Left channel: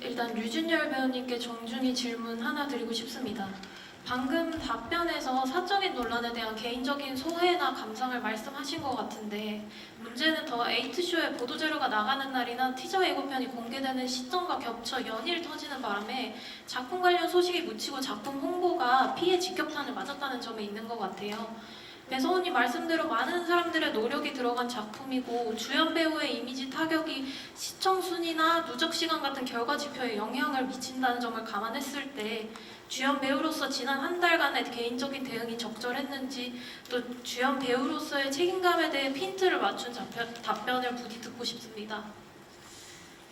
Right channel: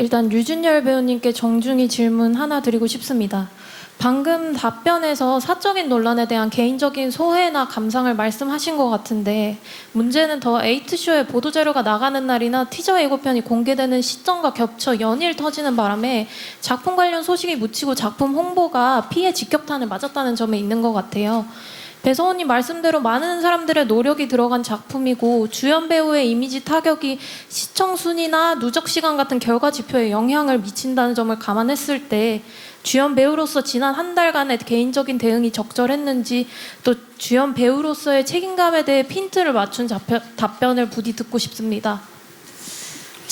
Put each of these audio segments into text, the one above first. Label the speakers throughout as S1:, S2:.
S1: 일단 류준열 배우님께 정중히 질문 하나 드리고 싶습니다. 방금 답변에서 사적인 논란에 대한 개인적인 소회나 감상을 말씀하신 것 같은데 문제는 더 에이트쇼에 보도자료가 나가는 날이나 티저 예고편이 공개되는 시점과 겹쳐 연일 터지는 바람에 작품 관련 소식이 묻히고 작품 홍보가 피해 직격탄을 맞았다는 점에 있는 것 같아요. 배서원님 말씀대로 많은 사람들의 노력이 들어간 작품이고 주연 배우의 이미지 타격이 시청 순위나 누적 시간 같은 결과 지표에 영향을 미친다는 점을 감안했을 때 주연 배우로서 지난 한 달간의 개인적인 대응이 적절했는지 또 주연 배우로서의 책임감에 대해 핀트를 맞춘 답변, 답변을 부디 듣고 싶습니다.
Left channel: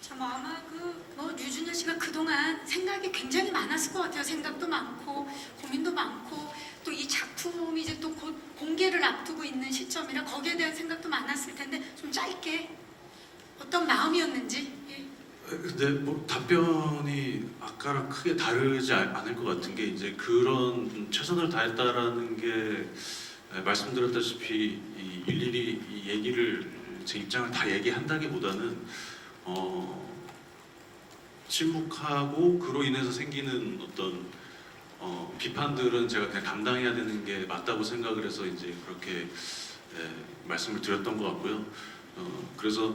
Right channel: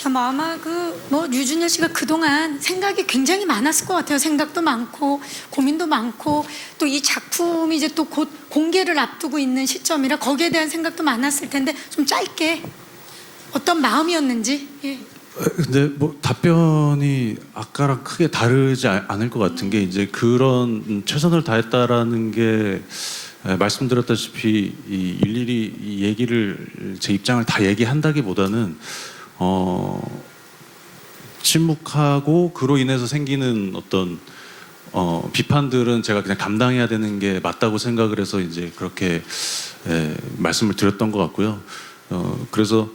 S2: 참 아마 그뭐 류준열 씨가 그동안 생각이 굉장히 많았을 것 같아요. 생각도 많고 고민도 많고 또 이 작품이 이제 또 곧 공개를 앞두고 있는 시점이라 거기에 대한 생각도 많았을 텐데 좀 짧게 어떤 마음이었는지 예.
S3: 근데 뭐 답변이 아까랑 크게 다르지 아- 않을 것 같은 게 이제 그런 최선을 다했다라는 게 에, 말씀드렸다시피 이 일일이 이 얘기를 제 입장을 다 얘기한다기보다는 어 침묵하고 그로 인해서 생기는 어떤 어, 비판들은 제가 그냥 감당해야 되는 게 맞다고 생각을 해서 이제 그렇게 에, 말씀을 드렸던 것 같고요. 어, 그래서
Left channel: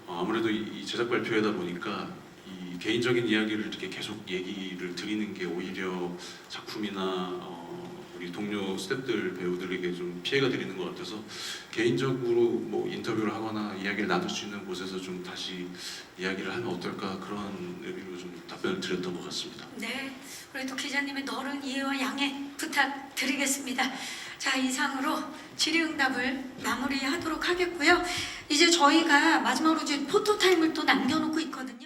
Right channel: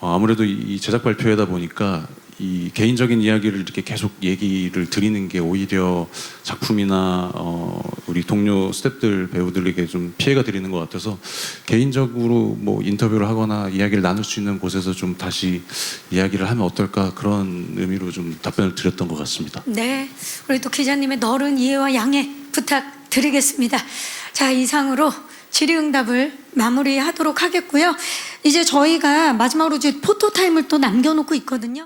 S3: 어, 아무래도 이 제작 발표회다 보니까 이 개인적인 이야기를 이렇게 계속 얘기를 드리는 게 오히려 작품이나 어, 우리 동료 스태프들 배우들에게 좀 피해가 드리는 것 같아서 개인적으로 뭐 인터뷰를 하거나 이야기를 나눌 수 있는 곳에서 좀 다시 이야기를 하면 어떨까 그런 의미로 좀 답변을 드렸던 것 같습니다.
S2: 네, 우리 또 기자님의 너른 이해와 양해 부탁드리겠습니다. 자, 이상으로 질의응답을 마무리하도록 하겠고요. 이제 저희가 마지막으로 이제 포토 타임을 또 남겨놓고 있거든요.